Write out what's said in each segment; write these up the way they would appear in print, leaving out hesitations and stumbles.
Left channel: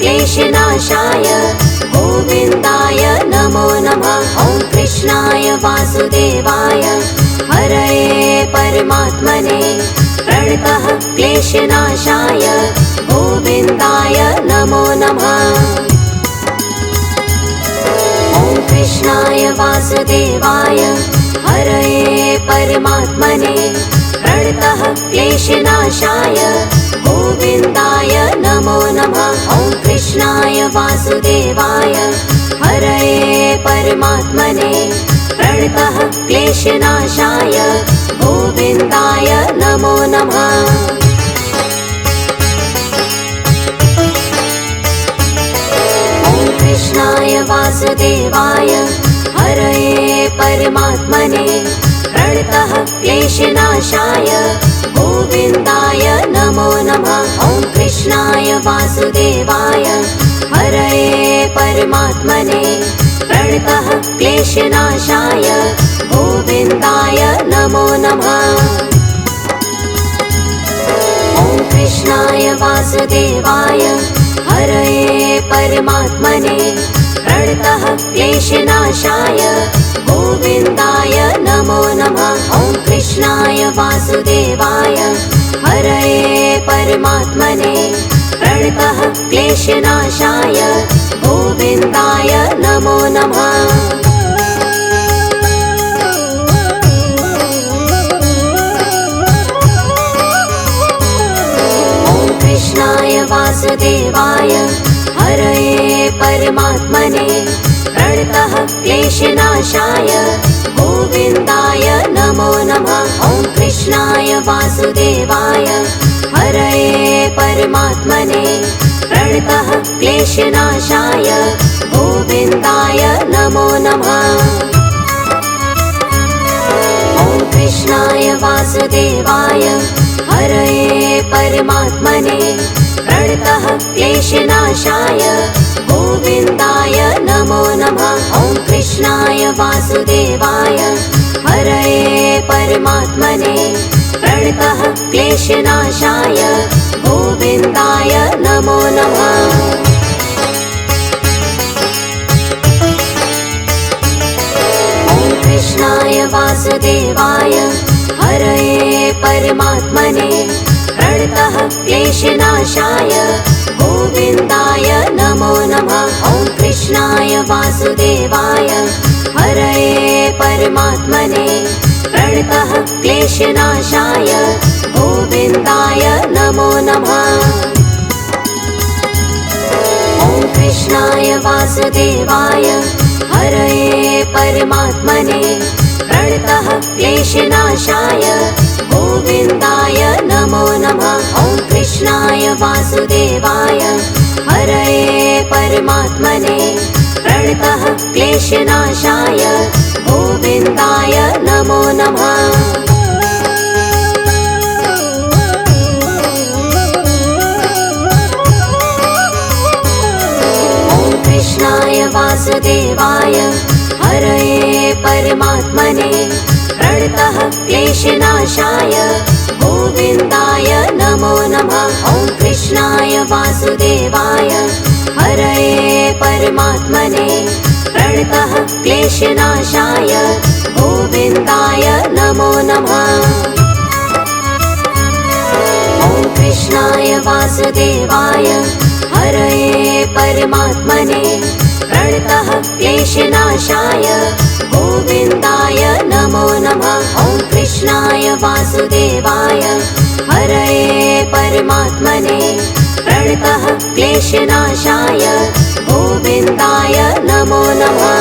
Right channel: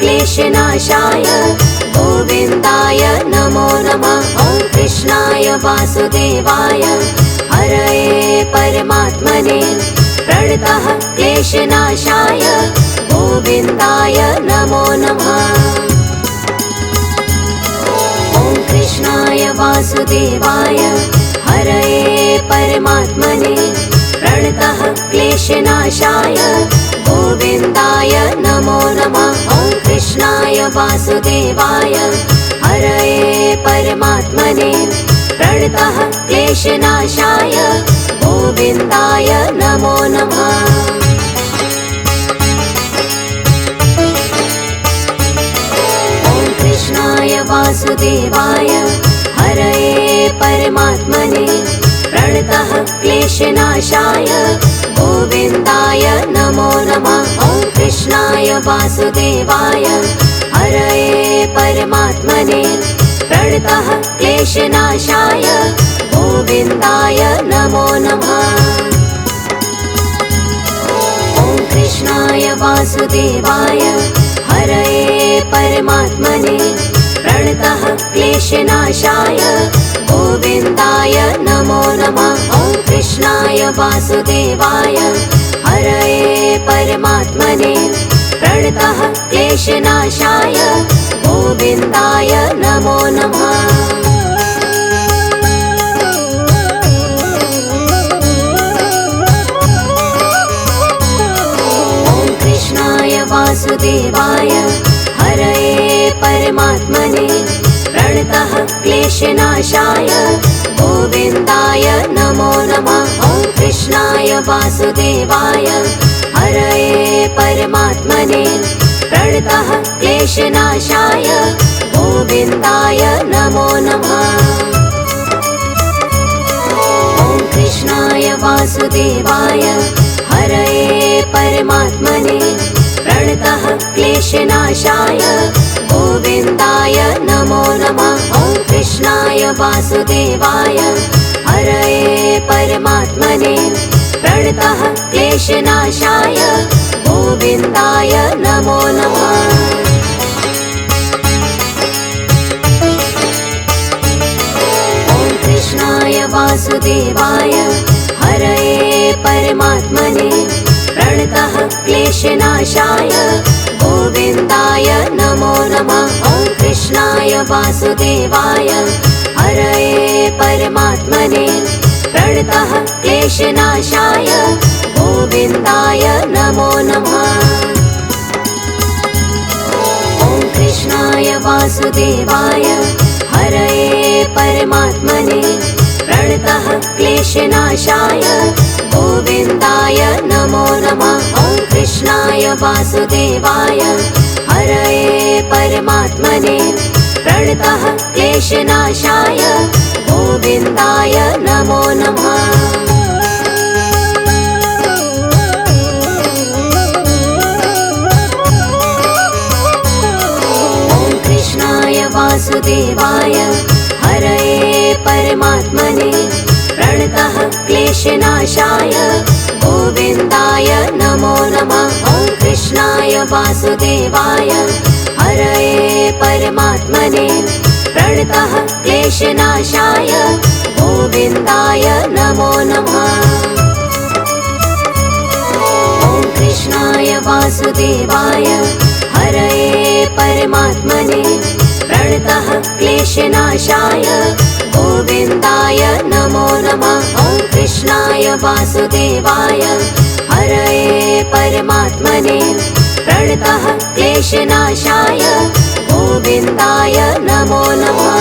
क्लेशनाशाय गोविन्दाय नमो नमः। ॐ कृष्णाय वासुदेवाय हरये परमात्मने प्रणतः क्लेशनाशाय गोविन्दाय नमो नमः। ॐ कृष्णाय वासुदेवाय हरये परमात्मने प्रणतः क्लेशनाशाय गोविन्दाय नमो नमः। ॐ कृष्णाय वासुदेवाय हरये परमात्मने प्रणतः क्लेशनाशाय गोविन्दाय नमो नमः। ॐ कृष्णाय वासुदेवाय हरये परमात्मने प्रणतः क्लेशनाशाय गोविन्दाय नमो नमः। ॐ कृष्णाय वासुदेवाय हरये परमात्मने प्रणतः क्लेशनाशाय गोविन्दाय नमो नमः। ॐ कृष्णाय वासुदेवाय हरये परमात्मने प्रणतः क्लेशनाशाय गोविन्दाय नमो नमः। ॐ कृष्णाय वासुदेवाय हरये परमात्मने प्रणतः क्लेशनाशाय गोविन्दाय नमो नमः। ॐ कृष्णाय वासुदेवाय हरये परमात्मने प्रणतः क्लेशनाशाय गोविन्दाय नमो नमः। ॐ कृष्णाय वासुदेवाय हरये परमात्मने प्रणतः क्लेशनाशाय गोविन्दाय नमो नमः। ॐ कृष्णाय वासुदेवाय हरये परमात्मने प्रणतः क्लेशनाशाय गोविन्दाय नमो नमः। ॐ कृष्णाय वासुदेवाय हरये परमात्मने प्रणतः क्लेशनाशाय गोविन्दाय नमो नमः। ॐ कृष्णाय वासुदेवाय हरये परमात्मने प्रणतः क्लेशनाशाय गोविन्दाय नमो नमः। ॐ कृष्णाय वासुदेवाय हरये परमात्मने प्रणतः क्लेशनाशाय गोविन्दाय नमो नमः। ॐ कृष्णाय वासुदेवाय हरये परमात्मने प्रणतः क्लेशनाशाय गोविन्दाय नमो नमः। ॐ कृष्णाय वासुदेवाय हरये परमात्मने प्रणतः क्लेशनाशाय गोविन्दाय नमो नमः। ॐ कृष्णाय वासुदेवाय हरये परमात्मने प्रणतः क्लेशनाशाय गोविन्दाय नमो नमः। ॐ कृष्णाय वासुदेवाय हरये परमात्मने प्रणतः क्लेशनाशाय गोविन्दाय नमो नमः। ॐ कृष्णाय वासुदेवाय हरये परमात्मने प्रणतः क्लेशनाशाय गोविन्दाय नमो नमः। ॐ कृष्णाय वासुदेवाय हरये परमात्मने प्रणतः क्लेशनाशाय गोविन्दाय नमो नमः।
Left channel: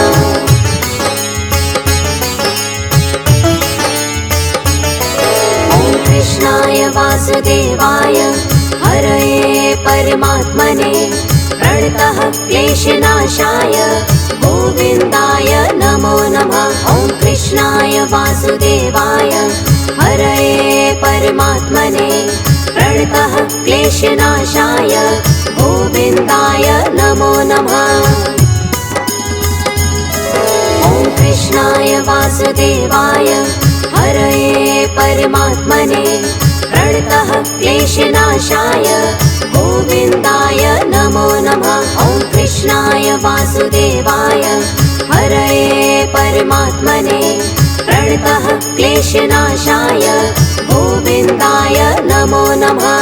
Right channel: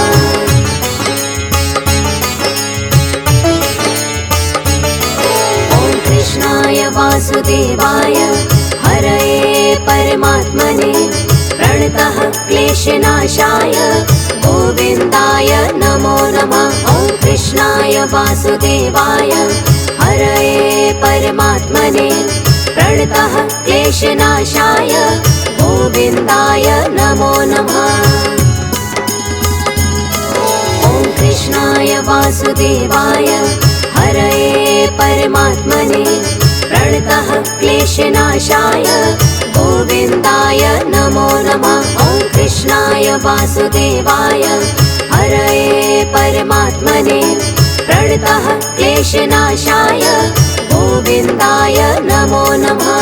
ॐ कृष्णाय वासुदेवाय हरये परमात्मने प्रणतः क्लेशनाशाय गोविन्दाय नमो नमः। ॐ कृष्णाय वासुदेवाय हरये परमात्मने प्रणतः क्लेशनाशाय गोविन्दाय नमो नमः। ॐ कृष्णाय वासुदेवाय हरये परमात्मने प्रणतः क्लेशनाशाय गोविन्दाय नमो नमः। वासुदेवाय हरये परमात्मने प्रणतः क्लेशनाशाय गोविन्दाय नमो नमः।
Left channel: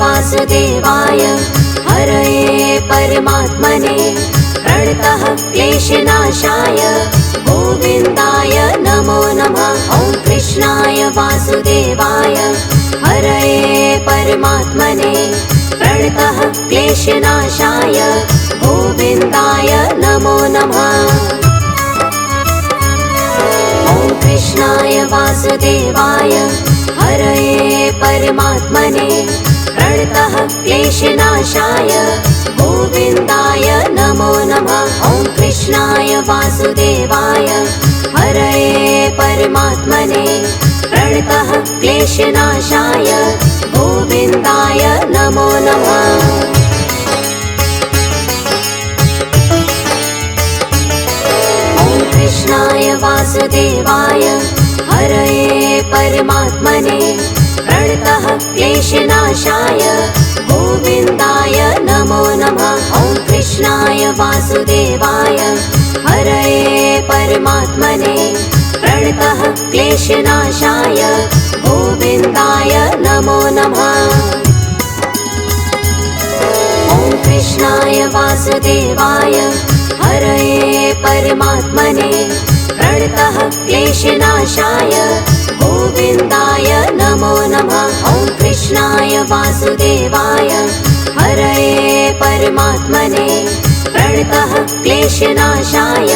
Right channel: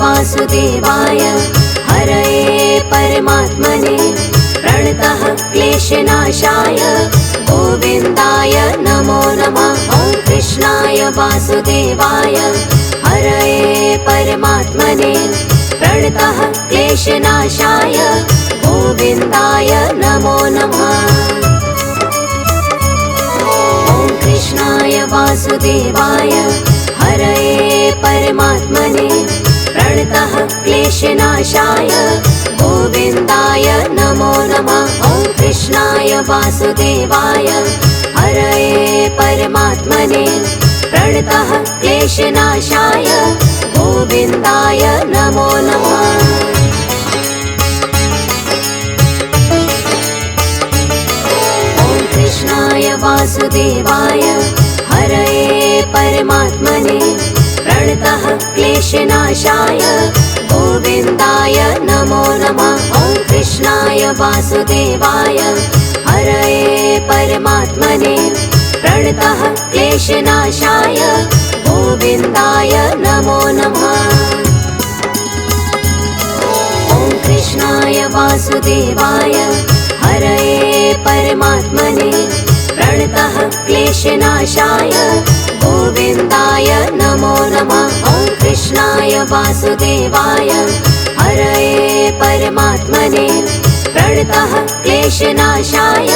वासुदेवाय हरये परमात्मने प्रणतः क्लेशनाशाय गोविन्दाय नमो नमः। ॐ कृष्णाय वासुदेवाय हरये परमात्मने प्रणतः क्लेशनाशाय गोविन्दाय नमो नमः। ॐ कृष्णाय वासुदेवाय हरये परमात्मने प्रणतः क्लेशनाशाय गोविन्दाय नमो नमः। ॐ कृष्णाय वासुदेवाय हरये परमात्मने प्रणतः क्लेशनाशाय गोविन्दाय नमो नमः। ॐ कृष्णाय वासुदेवाय हरये परमात्मने प्रणतः क्लेशनाशाय गोविन्दाय नमो नमः। ॐ कृष्णाय वासुदेवाय हरये परमात्मने प्रणतः क्लेशनाशाय गोविन्दाय नमो नमः। ॐ कृष्णाय वासुदेवाय हरये परमात्मने प्रणतः क्लेशनाशाय गोविन्दाय नमो नमः। ॐ कृष्णाय वासुदेवाय हरये परमात्मने प्रणतः क्लेशनाशाय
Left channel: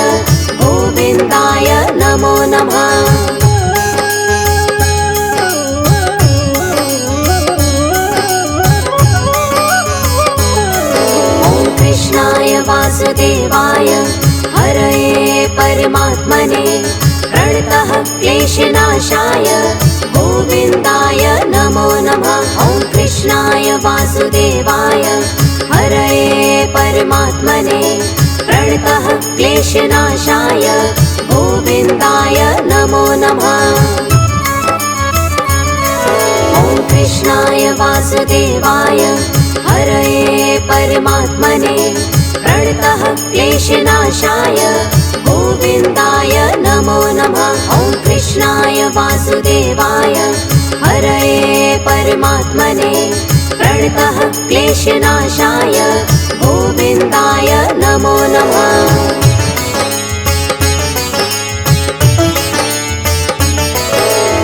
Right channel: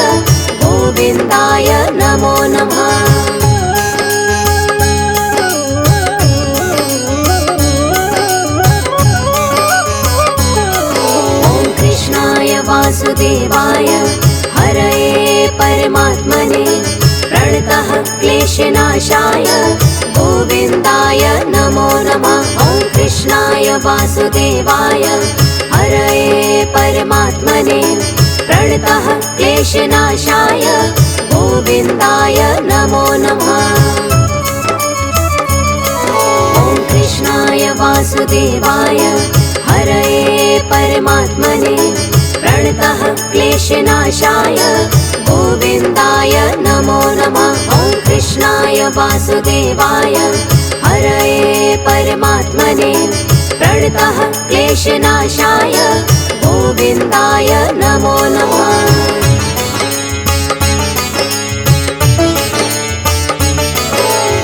गोविन्दाय नमो नमः। ॐ कृष्णाय वासुदेवाय हरये परमात्मने प्रणतः क्लेशनाशाय गोविन्दाय नमो नमः। ॐ कृष्णाय वासुदेवाय हरये परमात्मने प्रणतः क्लेशनाशाय गोविन्दाय नमो नमः। ॐ कृष्णाय वासुदेवाय हरये परमात्मने प्रणतः क्लेशनाशाय गोविन्दाय नमो नमः। ॐ कृष्णाय वासुदेवाय हरये परमात्मने प्रणतः क्लेशनाशाय गोविन्दाय नमो नमः।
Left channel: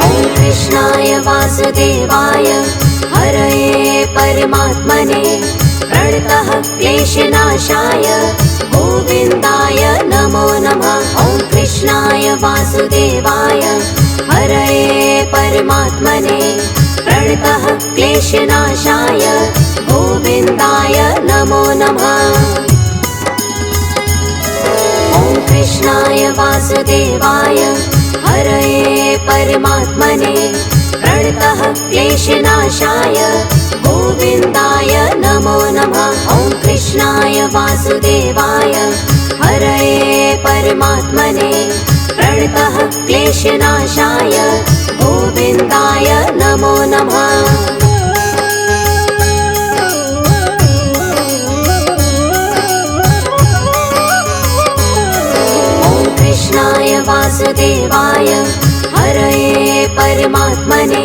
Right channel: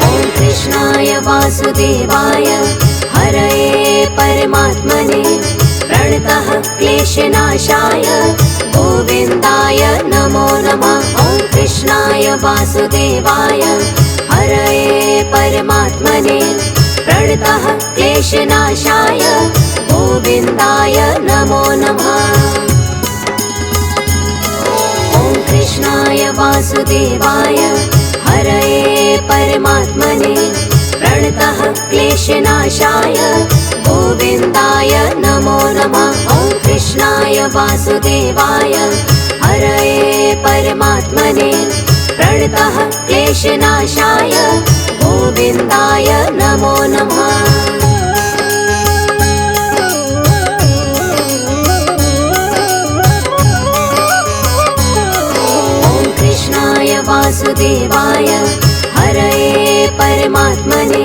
ॐ कृष्णाय वासुदेवाय हरये परमात्मने प्रणतः क्लेशनाशाय गोविन्दाय नमो नमः। ॐ कृष्णाय वासुदेवाय हरये परमात्मने प्रणतः क्लेशनाशाय गोविन्दाय नमो नमः। ॐ कृष्णाय वासुदेवाय हरये परमात्मने प्रणतः क्लेशनाशाय गोविन्दाय नमो नमः। ॐ कृष्णाय वासुदेवाय हरये परमात्मने प्रणतः क्लेशनाशाय गोविन्दाय नमो नमः। ॐ कृष्णाय वासुदेवाय हरये परमात्मने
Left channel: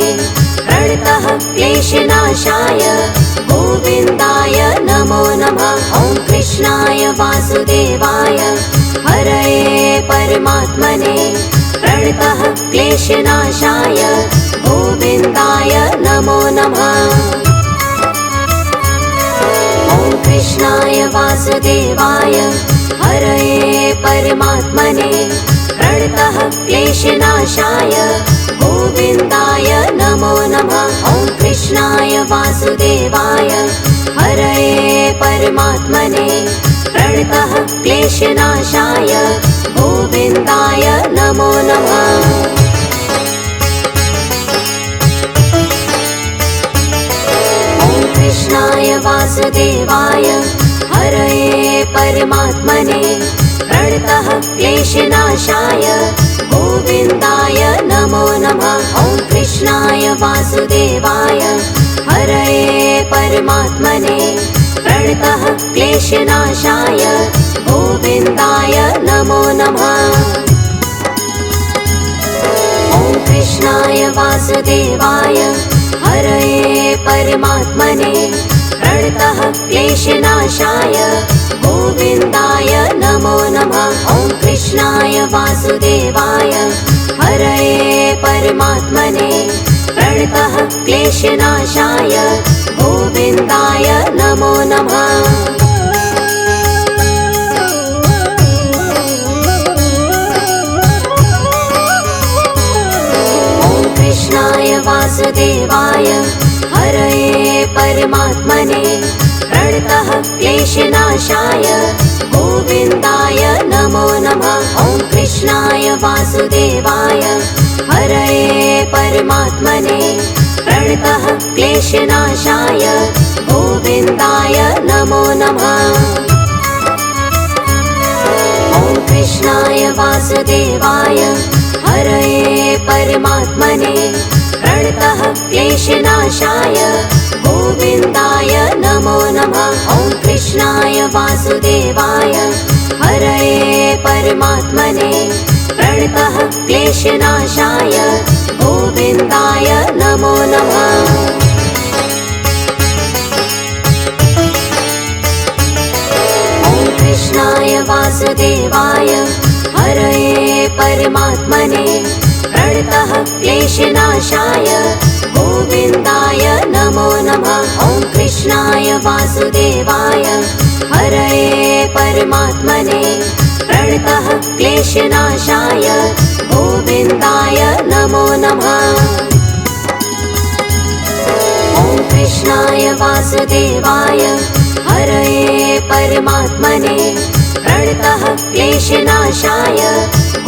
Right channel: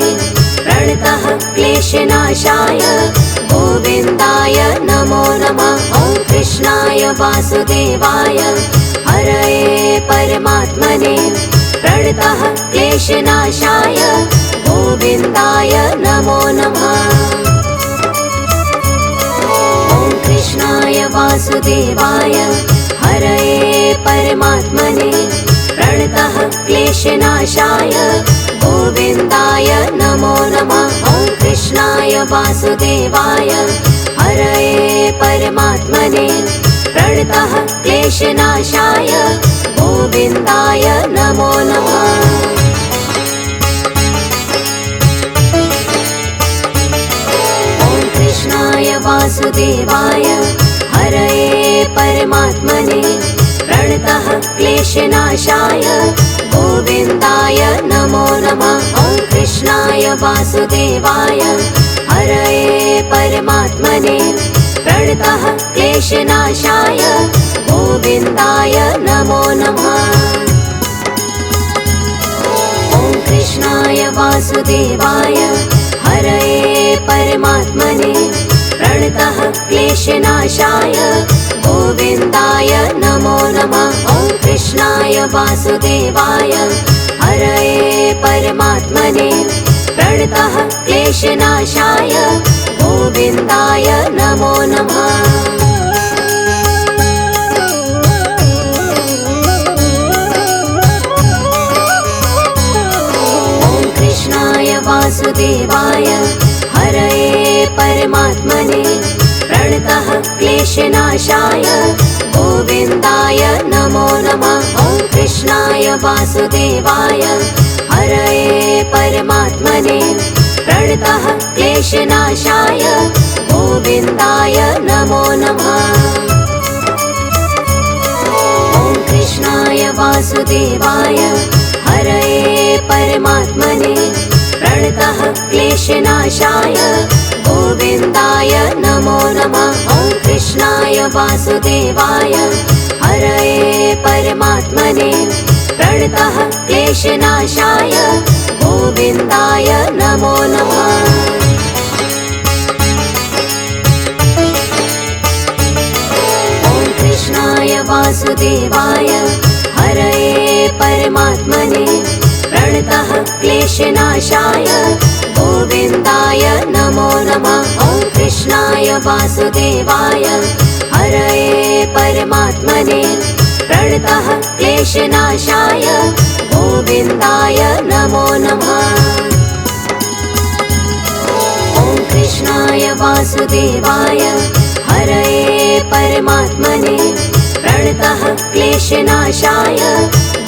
प्रणतः क्लेशनाशाय गोविन्दाय नमो नमः। ॐ कृष्णाय वासुदेवाय हरये परमात्मने प्रणतः क्लेशनाशाय गोविन्दाय नमो नमः। ॐ कृष्णाय वासुदेवाय हरये परमात्मने प्रणतः क्लेशनाशाय गोविन्दाय नमो नमः। ॐ कृष्णाय वासुदेवाय हरये परमात्मने प्रणतः क्लेशनाशाय गोविन्दाय नमो नमः। ॐ कृष्णाय वासुदेवाय हरये परमात्मने प्रणतः क्लेशनाशाय गोविन्दाय नमो नमः। वासुदेवाय हरये परमात्मने प्रणतः क्लेशनाशाय गोविन्दाय नमो नमः। ॐ कृष्णाय वासुदेवाय हरये परमात्मने प्रणतः क्लेशनाशाय गोविन्दाय नमो नमः। ॐ कृष्णाय वासुदेवाय हरये परमात्मने प्रणतः क्लेशनाशाय गोविन्दाय नमो नमः। ॐ कृष्णाय वासुदेवाय हरये परमात्मने प्रणतः क्लेशनाशाय गोविन्दाय नमो नमः। ॐ कृष्णाय वासुदेवाय हरये परमात्मने प्रणतः क्लेशनाशाय गोविन्दाय नमो नमः। ॐ कृष्णाय वासुदेवाय हरये परमात्मने प्रणतः क्लेशनाशाय गोविन्दाय नमो नमः। ॐ कृष्णाय वासुदेवाय हरये परमात्मने प्रणतः क्लेशनाशाय गोविन्दाय नमो नमः। ॐ कृष्णाय वासुदेवाय हरये परमात्मने प्रणतः क्लेशनाशाय गोविन्दाय नमो नमः। ॐ कृष्णाय वासुदेवाय हरये परमात्मने प्रणतः क्लेशनाशाय गोविन्दाय नमो नमः। ॐ कृष्णाय वासुदेवाय हरये परमात्मने प्रणतः क्लेशनाशाय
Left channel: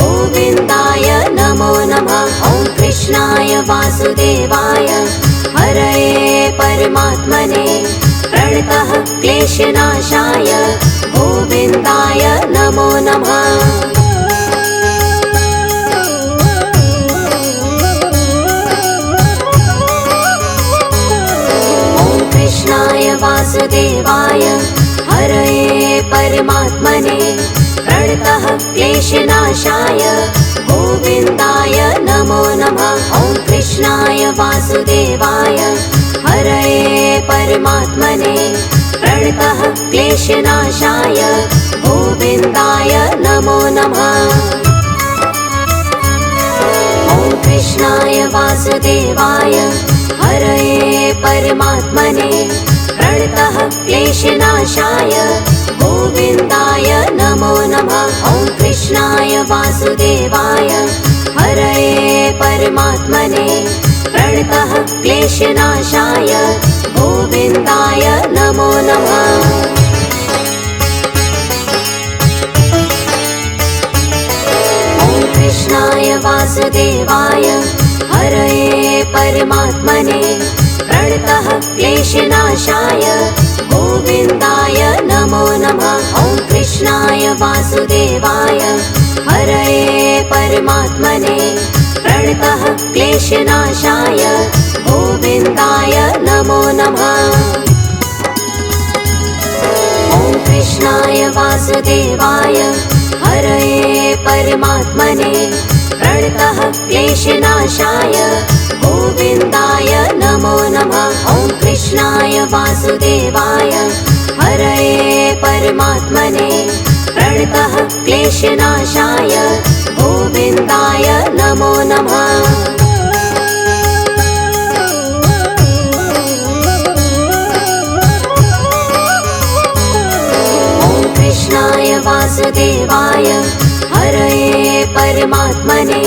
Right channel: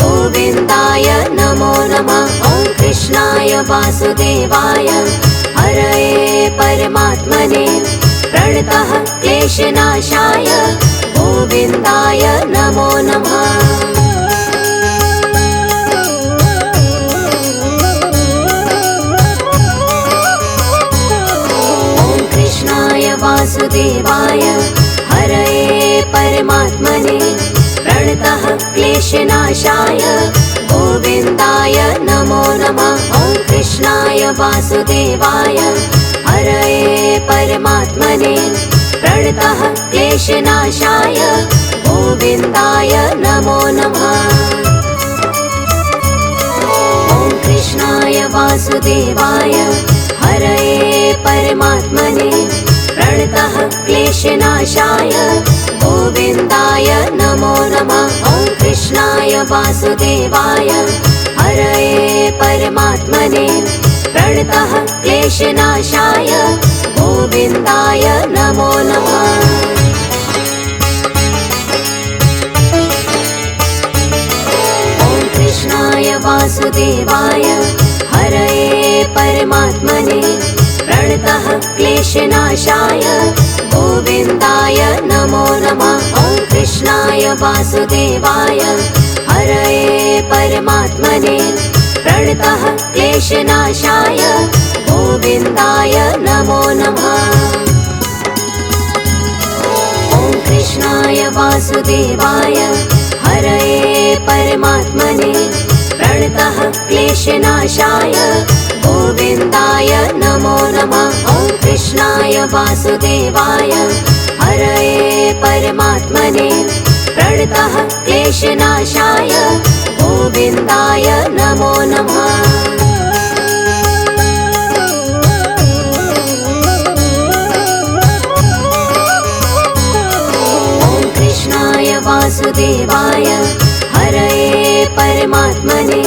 गोविन्दाय नमो नमः। ॐ कृष्णाय वासुदेवाय हरये परमात्मने प्रणतः क्लेशनाशाय गोविन्दाय नमो नमः। ॐ कृष्णाय वासुदेवाय हरये परमात्मने प्रणतः क्लेशनाशाय गोविन्दाय नमो नमः। ॐ कृष्णाय वासुदेवाय हरये परमात्मने प्रणतः क्लेशनाशाय गोविन्दाय नमो नमः। ॐ कृष्णाय वासुदेवाय हरये परमात्मने प्रणतः क्लेशनाशाय गोविन्दाय नमो नमः। ॐ कृष्णाय वासुदेवाय हरये परमात्मने प्रणतः क्लेशनाशाय गोविन्दाय नमो नमः। ॐ कृष्णाय वासुदेवाय हरये परमात्मने प्रणतः क्लेशनाशाय गोविन्दाय नमो नमः। ॐ कृष्णाय वासुदेवाय हरये परमात्मने प्रणतः क्लेशनाशाय गोविन्दाय नमो नमः। ॐ कृष्णाय वासुदेवाय हरये परमात्मने प्रणतः क्लेशनाशाय गोविन्दाय नमो नमः। ॐ कृष्णाय वासुदेवाय हरये परमात्मने प्रणतः क्लेशनाशाय गोविन्दाय नमो नमः। ॐ कृष्णाय वासुदेवाय हरये परमात्मने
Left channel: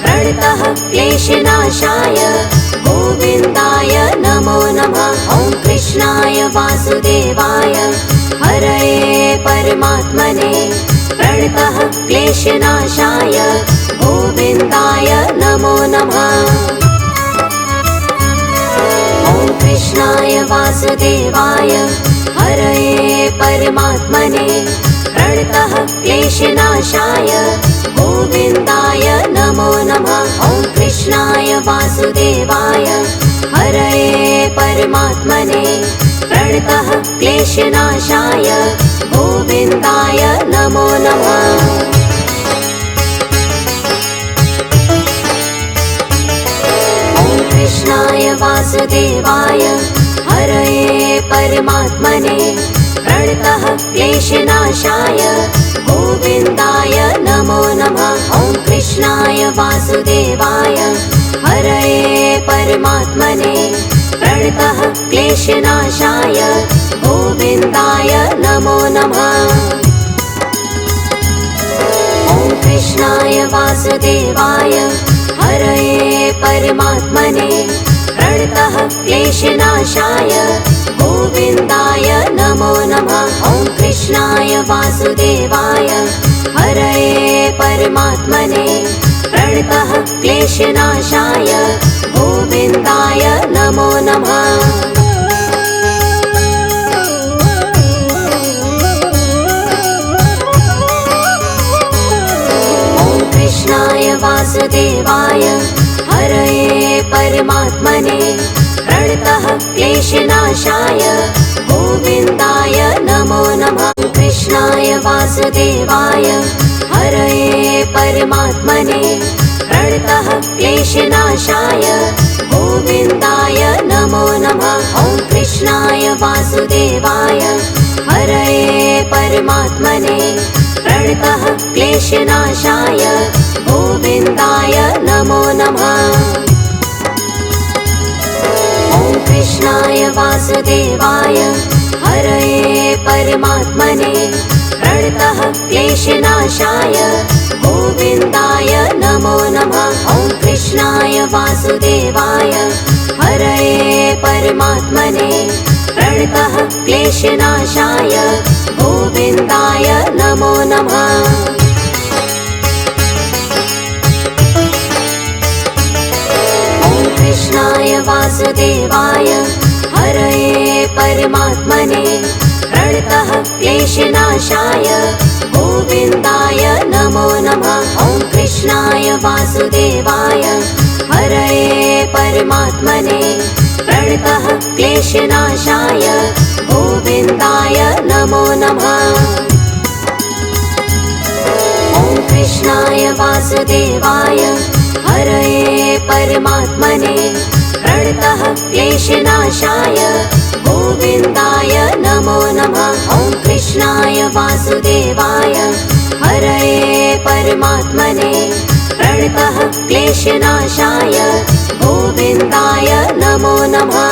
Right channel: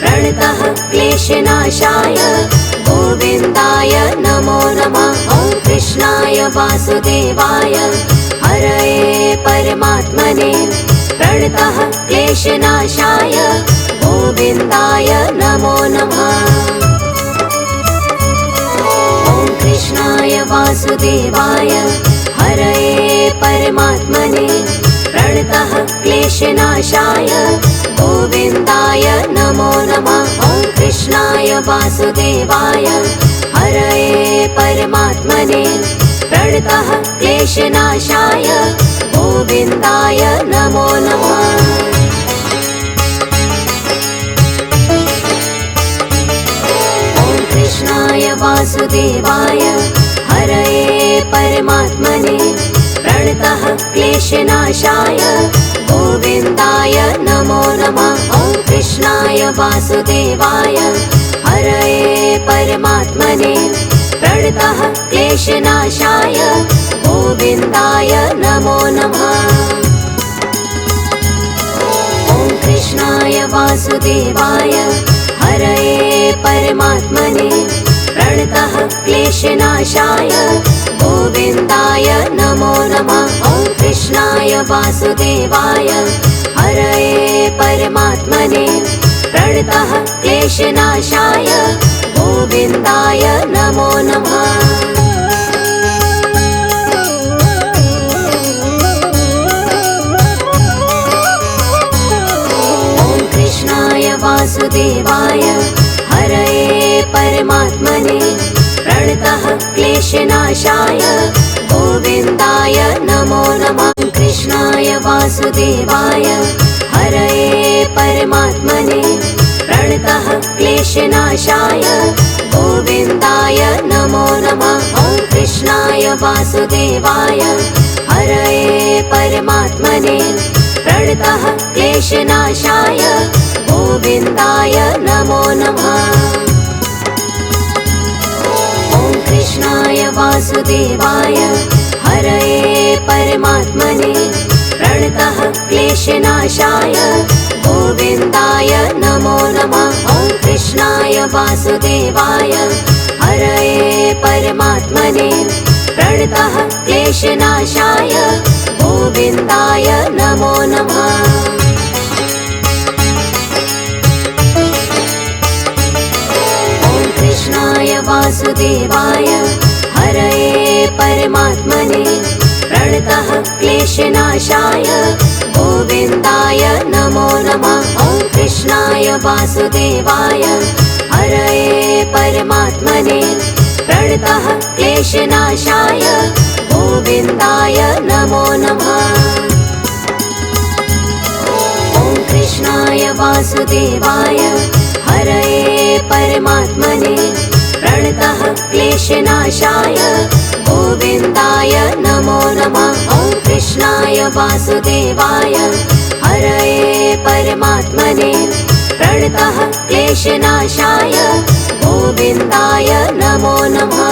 प्रणतः क्लेशनाशाय गोविन्दाय नमो नमः। ॐ कृष्णाय वासुदेवाय हरये परमात्मने प्रणतः क्लेशनाशाय गोविन्दाय नमो नमः। ॐ कृष्णाय वासुदेवाय हरये परमात्मने प्रणतः क्लेशनाशाय गोविन्दाय नमो नमः। ॐ कृष्णाय वासुदेवाय परमात्मने प्रणतः क्लेशनाशाय गोविन्दाय नमो नमः। कृष्णाय वासुदेवाय हरये परमात्मने प्रणतः क्लेशनाशाय गोविन्दाय नमो नमः। ॐ कृष्णाय वासुदेवाय हरये परमात्मने प्रणतः क्लेशनाशाय गोविन्दाय नमो नमः। ॐ कृष्णाय वासुदेवाय हरये परमात्मने प्रणतः क्लेशनाशाय गोविन्दाय नमो नमः। ॐ कृष्णाय वासुदेवाय हरये परमात्मने प्रणतः क्लेशनाशाय गोविन्दाय नमो नमः। वासुदेवाय हरये परमात्मने प्रणतः क्लेशनाशाय गोविन्दाय नमो नमः। कृष्णाय वासुदेवाय हरये परमात्मने प्रणतः क्लेशनाशाय गोविन्दाय नमो नमः। ॐ कृष्णाय वासुदेवाय हरये परमात्मने प्रणतः क्लेशनाशाय गोविन्दाय नमो नमः। ॐ कृष्णाय वासुदेवाय हरये परमात्मने प्रणतः क्लेशनाशाय गोविन्दाय नमो नमः। ॐ कृष्णाय वासुदेवाय हरये परमात्मने प्रणतः क्लेशनाशाय गोविन्दाय नमो नमः। वासुदेवाय हरये परमात्मने प्रणतः क्लेशनाशाय गोविन्दाय नमो नमः। ॐ कृष्णाय वासुदेवाय हरये परमात्मने प्रणतः क्लेशनाशाय गोविन्दाय नमो नमः। ॐ कृष्णाय वासुदेवाय हरये परमात्मने प्रणतः क्लेशनाशाय गोविन्दाय नमो नमः। ॐ कृष्णाय वासुदेवाय हरये परमात्मने प्रणतः क्लेशनाशाय गोविन्दाय नमो नमः।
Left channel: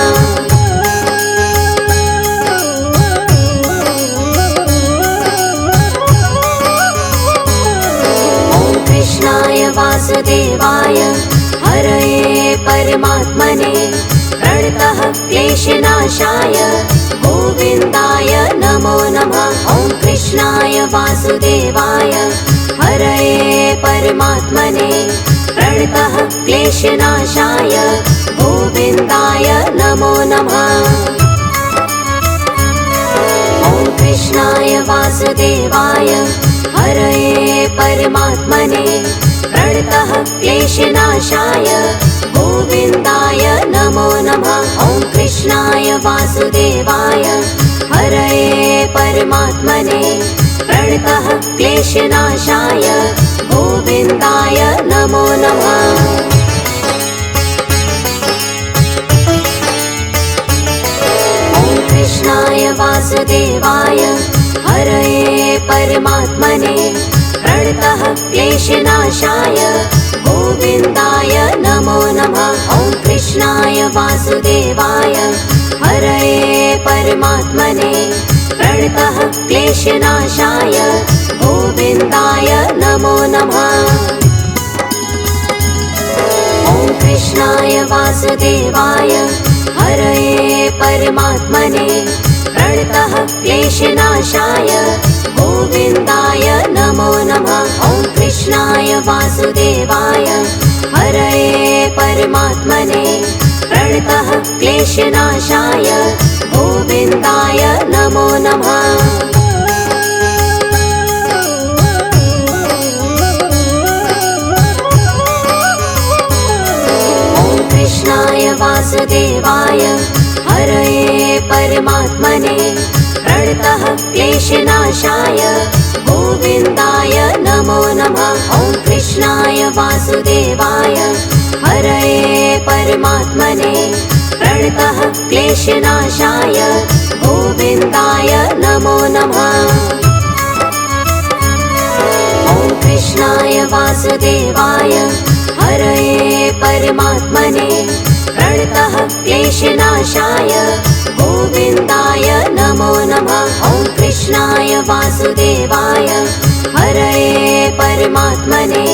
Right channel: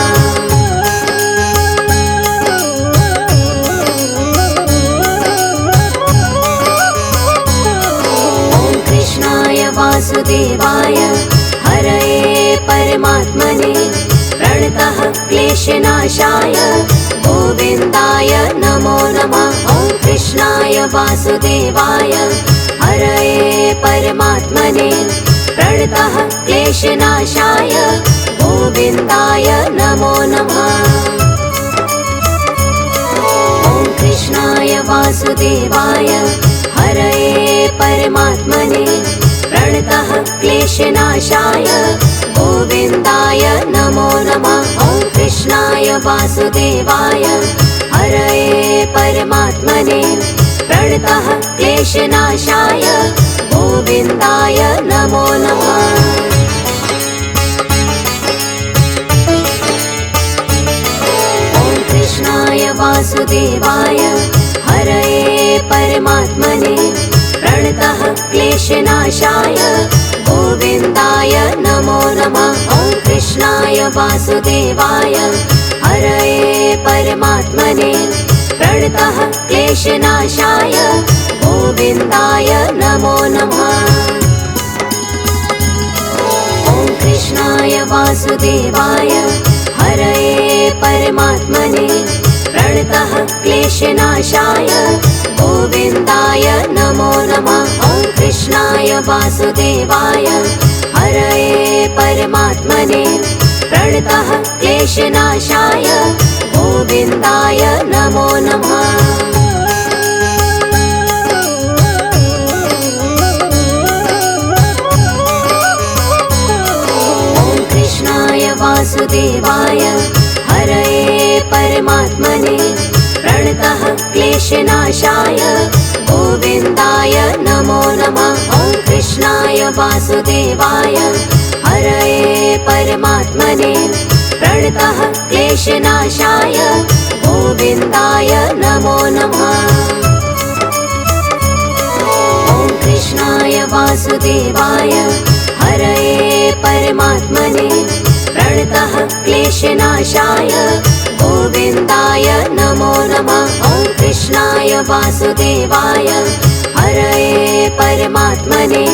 वासुदेवाय हरये परमात्मने प्रणतः क्लेशनाशाय गोविन्दाय नमो नमः। ॐ कृष्णाय वासुदेवाय हरये परमात्मने प्रणतः क्लेशनाशाय गोविन्दाय नमो नमः। ॐ कृष्णाय वासुदेवाय हरये परमात्मने प्रणतः क्लेशनाशाय गोविन्दाय नमो नमः। ॐ कृष्णाय वासुदेवाय हरये परमात्मने प्रणतः क्लेशनाशाय गोविन्दाय नमो नमः। ॐ कृष्णाय वासुदेवाय हरये परमात्मने प्रणतः क्लेशनाशाय गोविन्दाय नमो नमः। ॐ कृष्णाय वासुदेवाय हरये परमात्मने प्रणतः क्लेशनाशाय गोविन्दाय नमो नमः। ॐ कृष्णाय वासुदेवाय हरये परमात्मने प्रणतः क्लेशनाशाय गोविन्दाय नमो नमः। ॐ कृष्णाय वासुदेवाय हरये परमात्मने प्रणतः क्लेशनाशाय गोविन्दाय नमो नमः। ॐ कृष्णाय वासुदेवाय हरये परमात्मने प्रणतः क्लेशनाशाय गोविन्दाय नमो नमः। ॐ कृष्णाय वासुदेवाय हरये परमात्मने प्रणतः क्लेशनाशाय गोविन्दाय नमो नमः। ॐ कृष्णाय वासुदेवाय हरये परमात्मने प्रणतः क्लेशनाशाय गोविन्दाय नमो नमः। ॐ कृष्णाय वासुदेवाय हरये परमात्मने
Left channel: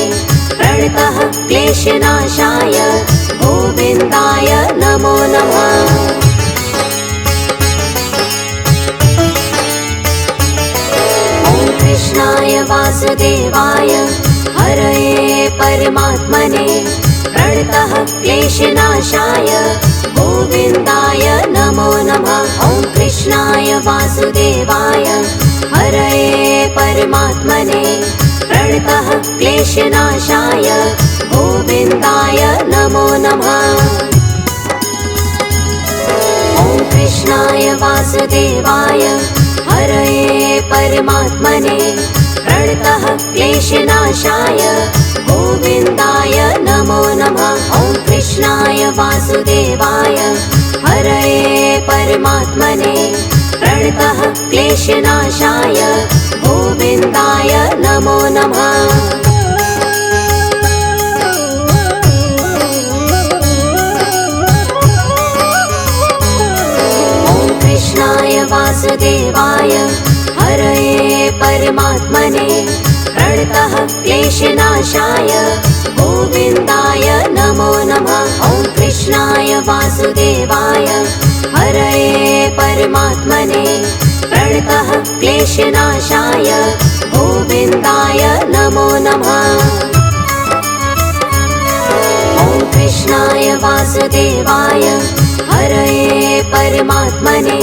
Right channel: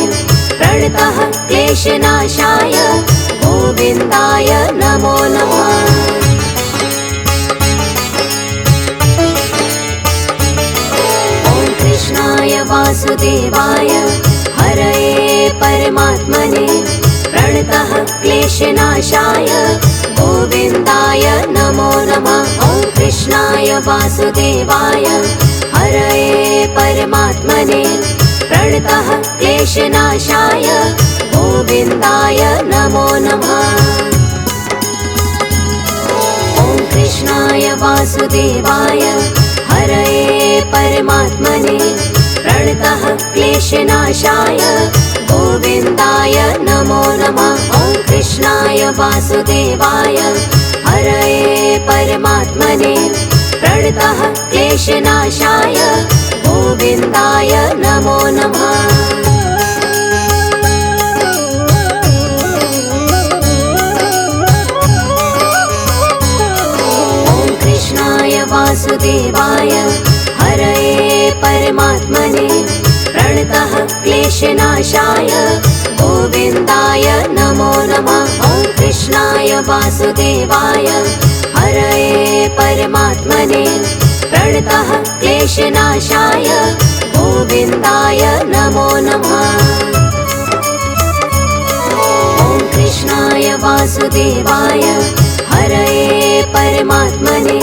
प्रणतः क्लेशनाशाय गोविन्दाय नमो नमः। ॐ कृष्णाय वासुदेवाय हरये परमात्मने प्रणतः क्लेशनाशाय गोविन्दाय नमो नमः। ॐ कृष्णाय वासुदेवाय हरये परमात्मने प्रणतः क्लेशनाशाय गोविन्दाय नमो नमः। ॐ कृष्णाय वासुदेवाय हरये परमात्मने प्रणतः क्लेशनाशाय गोविन्दाय नमो नमः। ॐ कृष्णाय वासुदेवाय हरये परमात्मने प्रणतः क्लेशनाशाय गोविन्दाय नमो नमः। ॐ कृष्णाय वासुदेवाय हरये परमात्मने प्रणतः क्लेशनाशाय गोविन्दाय नमो नमः। ॐ कृष्णाय वासुदेवाय हरये परमात्मने प्रणतः क्लेशनाशाय गोविन्दाय नमो नमः। ॐ कृष्णाय वासुदेवाय हरये परमात्मने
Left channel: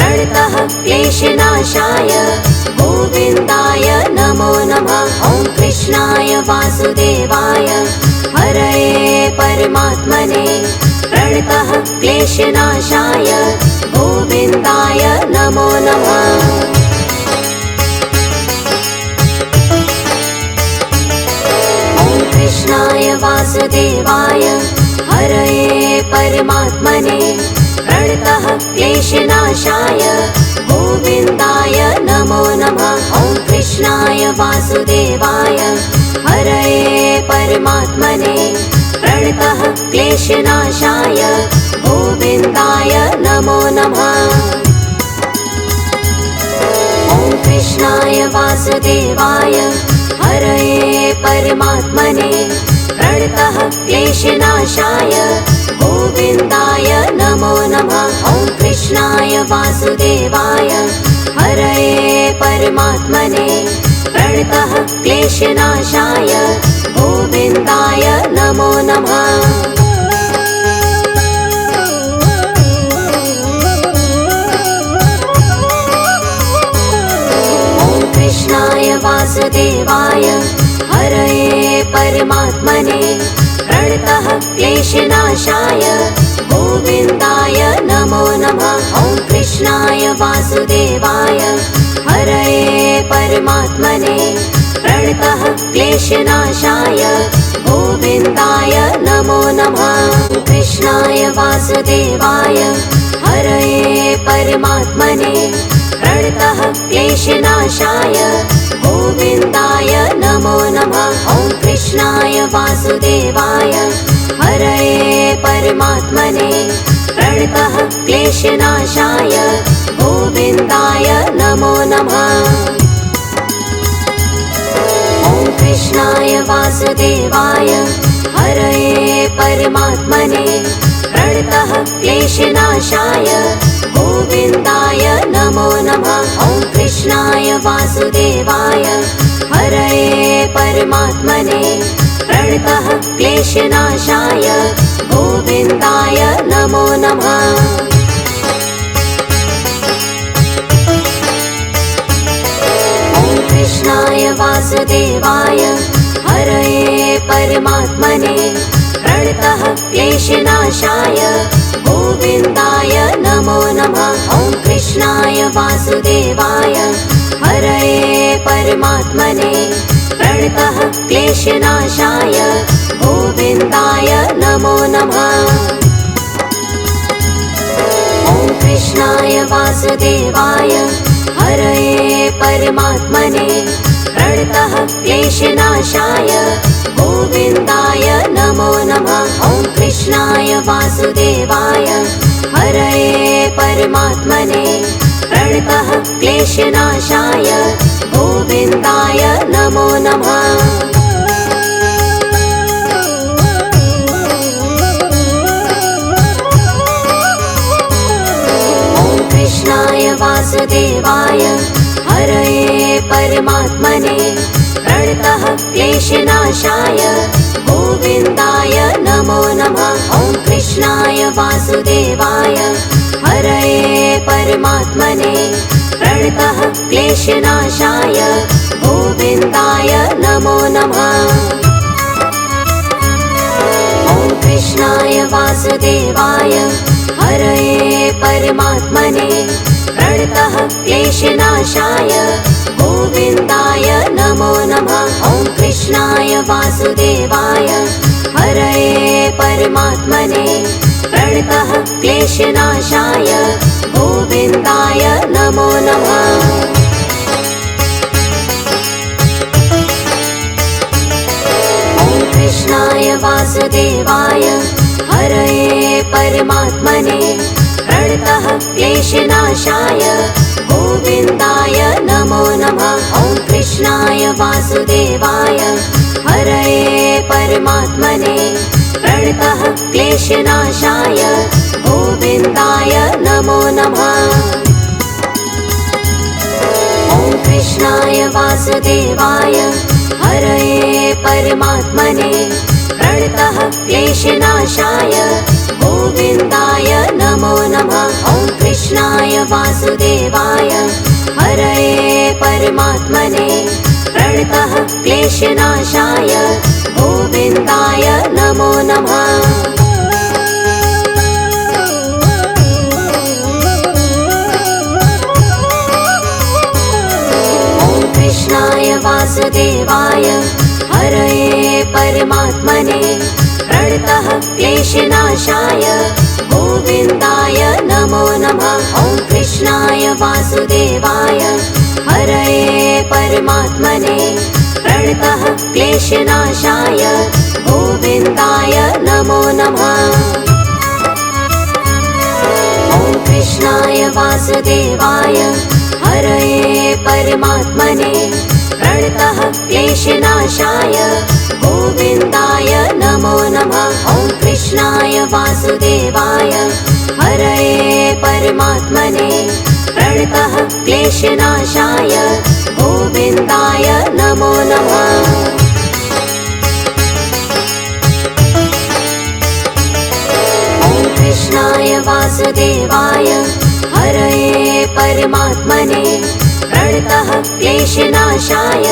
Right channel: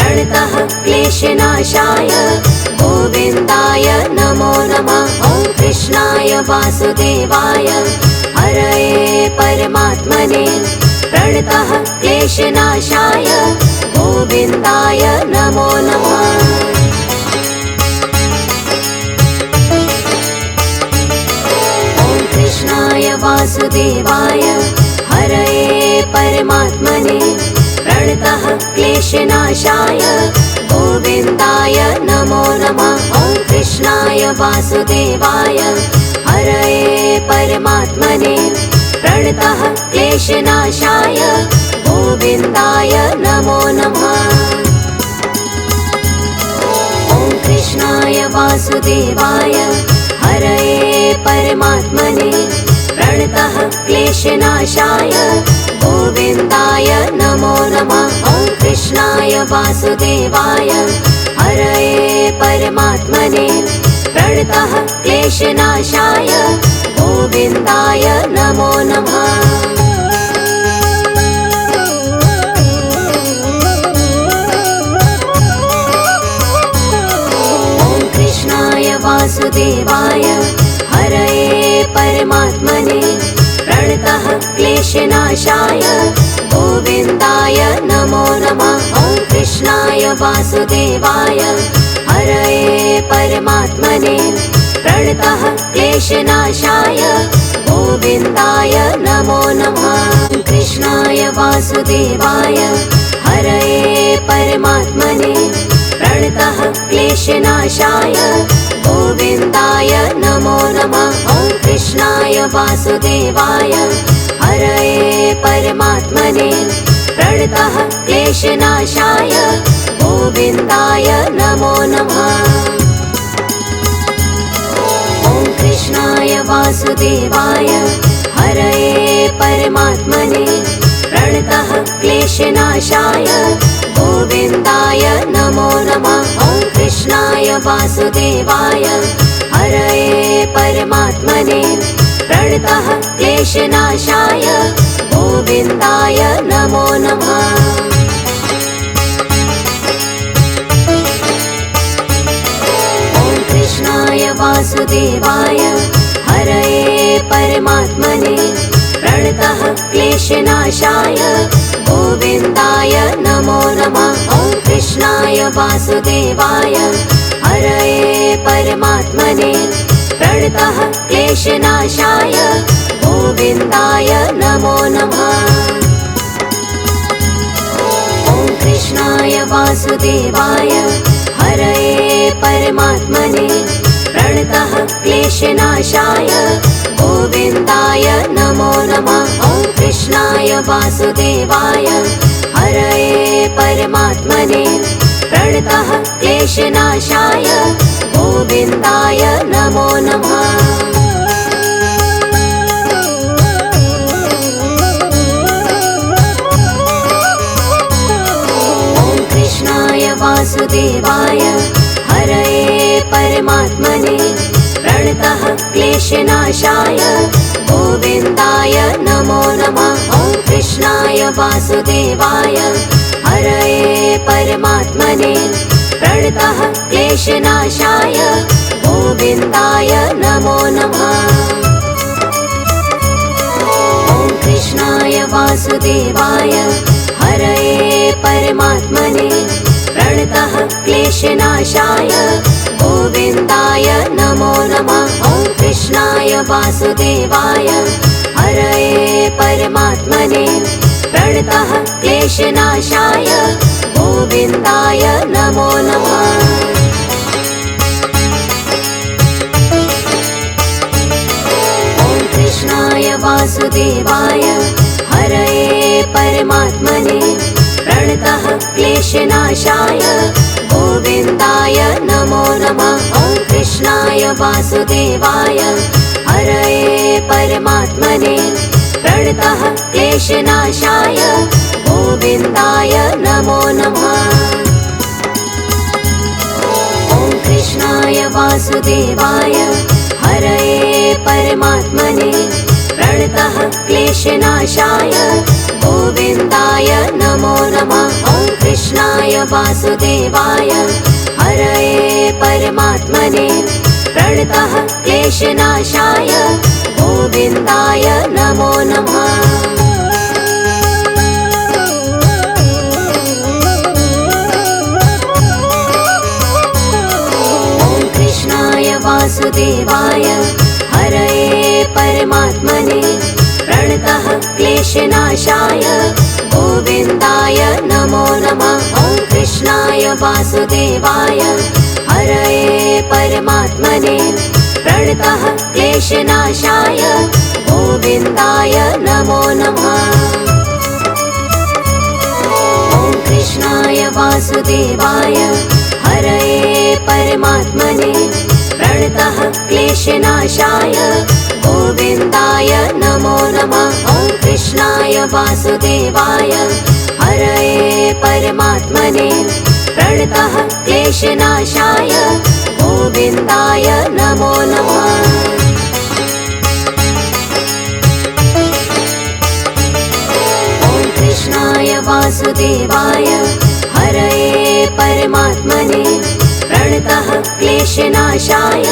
प्रणतः क्लेशनाशाय गोविन्दाय नमो नमः। ॐ कृष्णाय वासुदेवाय हरये परमात्मने प्रणतः क्लेशनाशाय गोविन्दाय नमो नमः। ॐ कृष्णाय वासुदेवाय हरये परमात्मने प्रणतः क्लेशनाशाय गोविन्दाय नमो नमः। ॐ कृष्णाय वासुदेवाय हरये परमात्मने प्रणतः क्लेशनाशाय गोविन्दाय नमो नमः। ॐ कृष्णाय वासुदेवाय हरये परमात्मने प्रणतः क्लेशनाशाय गोविन्दाय नमो नमः। ॐ कृष्णाय वासुदेवाय हरये परमात्मने प्रणतः क्लेशनाशाय गोविन्दाय नमो नमः। ॐ कृष्णाय वासुदेवाय हरये परमात्मने प्रणतः क्लेशनाशाय गोविन्दाय नमो नमः। ॐ कृष्णाय वासुदेवाय हरये परमात्मने प्रणतः क्लेशनाशाय गोविन्दाय नमो नमः। ॐ कृष्णाय वासुदेवाय हरये परमात्मने प्रणतः क्लेशनाशाय गोविन्दाय नमो नमः। ॐ कृष्णाय वासुदेवाय हरये परमात्मने प्रणतः क्लेशनाशाय गोविन्दाय नमो नमः। ॐ कृष्णाय वासुदेवाय हरये परमात्मने प्रणतः क्लेशनाशाय गोविन्दाय नमो नमः। ॐ कृष्णाय वासुदेवाय हरये परमात्मने प्रणतः क्लेशनाशाय गोविन्दाय नमो नमः। ॐ कृष्णाय वासुदेवाय हरये परमात्मने प्रणतः क्लेशनाशाय गोविन्दाय नमो नमः। ॐ कृष्णाय वासुदेवाय हरये परमात्मने प्रणतः क्लेशनाशाय गोविन्दाय नमो नमः। ॐ कृष्णाय वासुदेवाय हरये परमात्मने प्रणतः क्लेशनाशाय गोविन्दाय नमो नमः। ॐ कृष्णाय वासुदेवाय हरये परमात्मने प्रणतः क्लेशनाशाय गोविन्दाय नमो नमः। वासुदेवाय हरये परमात्मने प्रणतः क्लेशनाशाय गोविन्दाय नमो नमः। ॐ कृष्णाय वासुदेवाय हरये परमात्मने प्रणतः क्लेशनाशाय गोविन्दाय नमो नमः। ॐ कृष्णाय वासुदेवाय हरये परमात्मने प्रणतः क्लेशनाशाय गोविन्दाय नमो नमः। ॐ कृष्णाय वासुदेवाय हरये परमात्मने प्रणतः क्लेशनाशाय गोविन्दाय नमो नमः। ॐ कृष्णाय वासुदेवाय हरये परमात्मने प्रणतः क्लेशनाशाय गोविन्दाय नमो नमः। ॐ कृष्णाय वासुदेवाय हरये परमात्मने प्रणतः क्लेशनाशाय गोविन्दाय नमो नमः। ॐ कृष्णाय वासुदेवाय हरये परमात्मने प्रणतः क्लेशनाशाय गोविन्दाय नमो नमः। ॐ कृष्णाय वासुदेवाय हरये परमात्मने प्रणतः क्लेशनाशाय गोविन्दाय नमो नमः। ॐ कृष्णाय वासुदेवाय हरये परमात्मने प्रणतः क्लेशनाशाय गोविन्दाय नमो नमः। ॐ कृष्णाय वासुदेवाय हरये परमात्मने प्रणतः क्लेशनाशाय गोविन्दाय नमो नमः। ॐ कृष्णाय वासुदेवाय हरये परमात्मने प्रणतः क्लेशनाशाय गोविन्दाय नमो नमः। ॐ कृष्णाय वासुदेवाय हरये परमात्मने प्रणतः क्लेशनाशाय गोविन्दाय नमो नमः। ॐ कृष्णाय वासुदेवाय हरये परमात्मने प्रणतः क्लेशनाशाय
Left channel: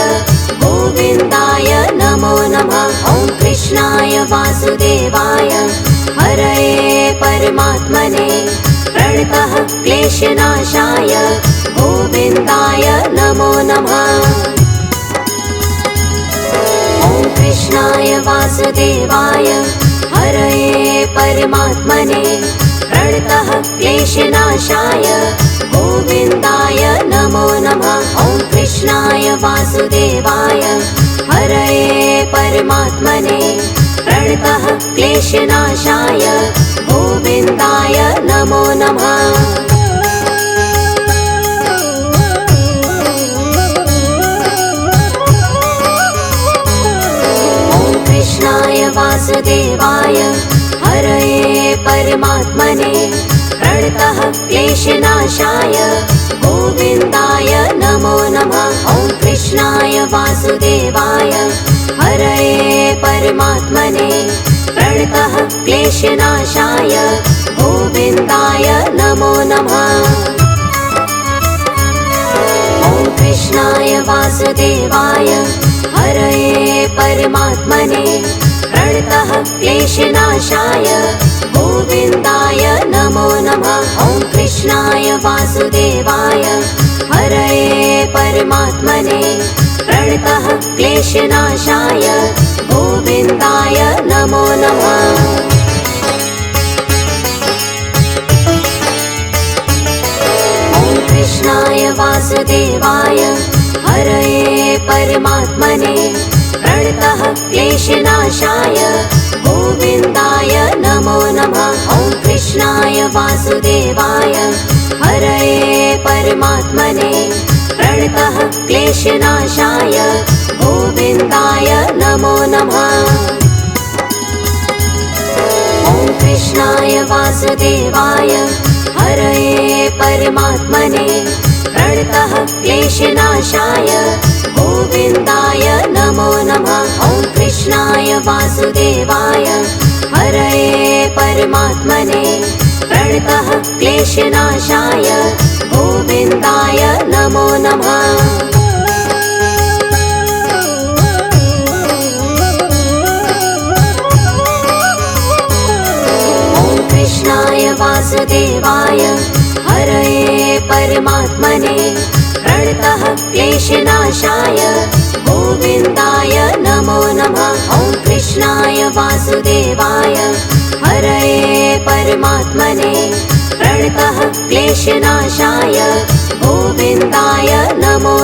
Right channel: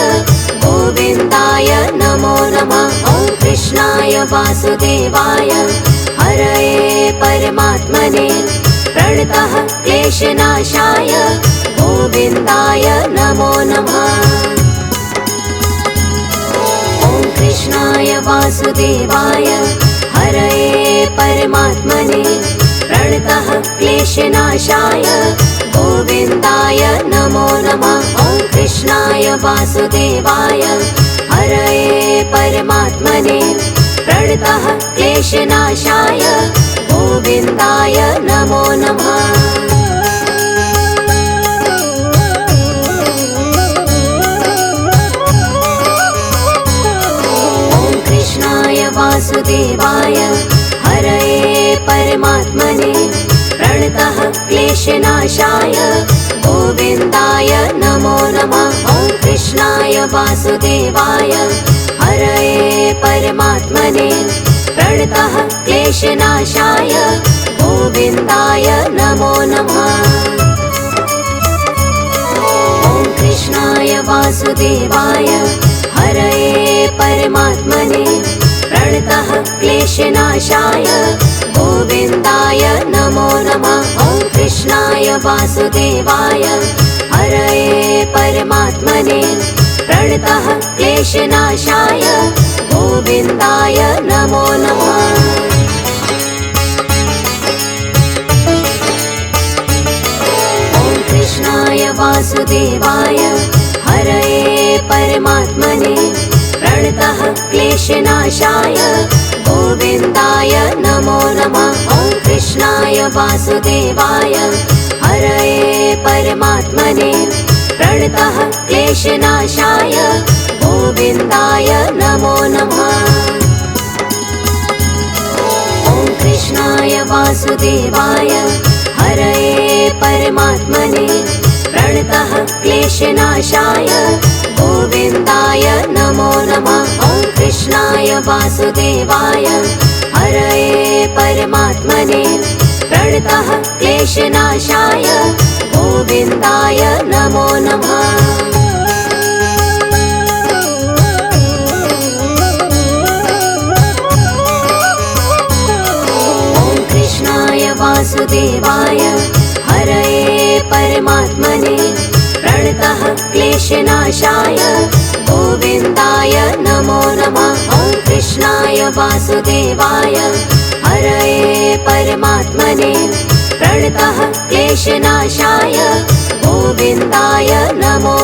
गोविन्दाय नमो नमः। ॐ कृष्णाय वासुदेवाय हरये परमात्मने प्रणतः क्लेशनाशाय गोविन्दाय नमो नमः। ॐ कृष्णाय वासुदेवाय हरये परमात्मने प्रणतः क्लेशनाशाय गोविन्दाय नमो नमः। ॐ कृष्णाय वासुदेवाय हरये परमात्मने प्रणतः क्लेशनाशाय गोविन्दाय नमो नमः। ॐ कृष्णाय वासुदेवाय हरये परमात्मने प्रणतः क्लेशनाशाय गोविन्दाय नमो नमः। ॐ कृष्णाय वासुदेवाय हरये परमात्मने प्रणतः क्लेशनाशाय गोविन्दाय नमो नमः। ॐ कृष्णाय वासुदेवाय हरये परमात्मने प्रणतः क्लेशनाशाय गोविन्दाय नमो नमः। ॐ कृष्णाय वासुदेवाय हरये परमात्मने प्रणतः क्लेशनाशाय गोविन्दाय नमो नमः। कृष्णाय वासुदेवाय हरये परमात्मने प्रणतः क्लेशनाशाय गोविन्दाय नमो नमः। ॐ कृष्णाय वासुदेवाय हरये परमात्मने प्रणतः क्लेशनाशाय गोविन्दाय नमो नमः। ॐ कृष्णाय वासुदेवाय हरये परमात्मने प्रणतः क्लेशनाशाय गोविन्दाय नमो नमः। ॐ कृष्णाय वासुदेवाय हरये परमात्मने प्रणतः क्लेशनाशाय गोविन्दाय नमो नमः। वासुदेवाय हरये परमात्मने प्रणतः क्लेशनाशाय गोविन्दाय नमो नमः। ॐ कृष्णाय वासुदेवाय हरये परमात्मने प्रणतः क्लेशनाशाय गोविन्दाय नमो